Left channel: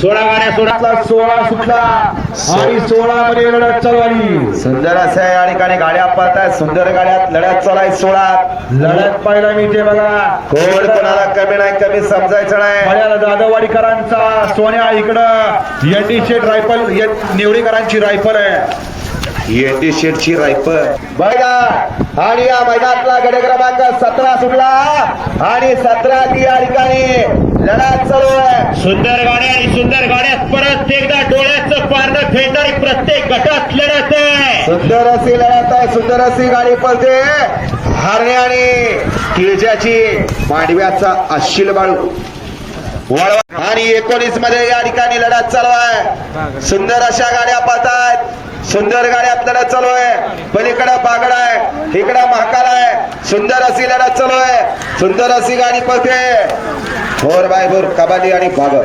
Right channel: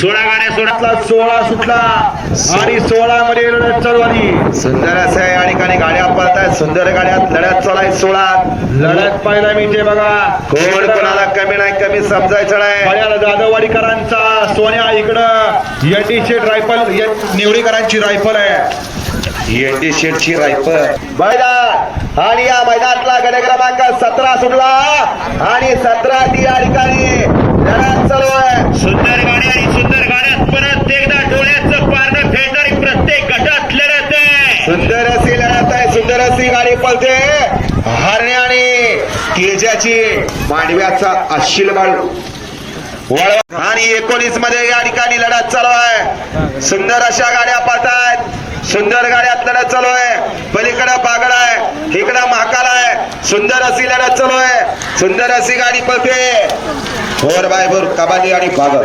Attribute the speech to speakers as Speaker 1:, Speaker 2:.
Speaker 1: सोळा गाड्या सोडा सोळा सुटला. आणि सोळा मध्ये लढत चालू
Speaker 2: सुंदर असे या ठिकाणी गाड्या पळतायत सुंदर गाड्यात लढ्यात चालाय सोळा.
Speaker 1: लढत पाहायला मिळते बघा.
Speaker 2: कोण कोणाला कमी नाही कमी समजायचं नाही.
Speaker 1: बघा दादवाडीकरांचा सोन्या इकडं. एनडी शेट रायफल निवडीकरांची रायफल आहे.
Speaker 2: एनडी शेटची रायफल. बघा आणि या मैदानातला गड क्रमांक सतरा सुटला. आणि सतरा ती या ठिकाणी लढ्यात चालू आहे
Speaker 1: सुंदर गाड्या आणि सुंदर गाड्यात परत एकदा डोळ्याचं पारणं फेडणारी प्रत्येक गटात लढत आहे.
Speaker 2: सुंदर अशी लढत आहे सुंदर अशी गाडी पळते. हरणे आणि केजाची मांडव्याचा अशिल बाळू. वळवा. आणि एकोणीसमध्ये या ठिकाणी लढत चालू आहे. सुंदर अशा गाड्या पळतात सुंदर गाड्यात लढत चालू आहे. पलीकडे बागड आहे इकडं महाकाल आहे. सुंदर अशी लढत चालू आहे. सुंदर अशी गाडी पळते. फोर बाय फोर कबाली आणि बागड